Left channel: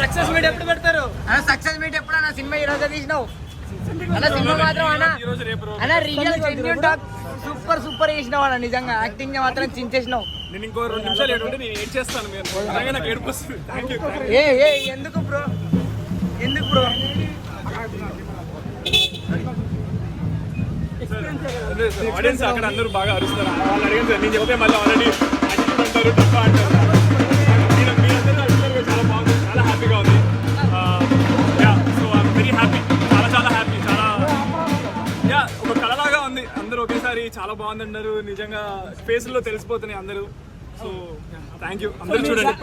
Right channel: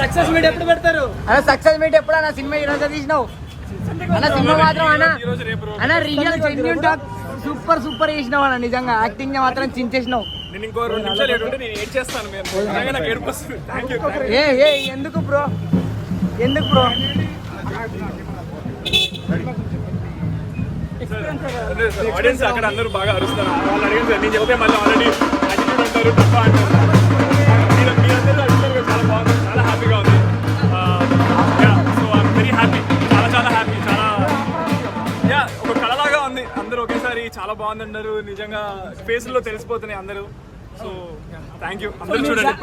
Success meet ఎప్పుడు పెడతారు అన్న? సక్సెస్ మీట్ ఎప్పుడు అన్న? సినిమా ఈ రోజు తీసినావు సూపర్ సూపర్ చేసినావు అన్న. నిజంగా యాక్టింగ్ మాత్రం చించేసినావు. నేను ఇంకో 2 నిమిషాలు ఏడుంటే నేను ఏడ్ చేస్తాను. మీరు నిజంగా నాకు ఏడుపు వస్తుంది. ఎందుకు బ్రో? ఎందుకు బ్రో? ఆడియన్స్ అక్కడ అందరూ బాగా అరుస్తారు. వాళ్ళు అడిగింది నేను చెప్తే మళ్ళీ ఆల్రెడీ యాటిట్యూడ్ అంటారు, తప్ప అంటారు. మీరందరూ అడుగుతారు. చాలా బాగుంది, చాలా హ్యాపీగా ఉంది. సో ఐఎమ్ వెరీ హ్యాపీ, చాలా చాలా హ్యాపీ. చాలా ఒక కళలాగా ఉంది. అందరూ ఒకేసారి చాలా బాగుంది అన్నారు. నిజంగా ఫేస్లో తెలిసిపోతున్నాయి అందరూ. So thank you. అందరూ చూడండి.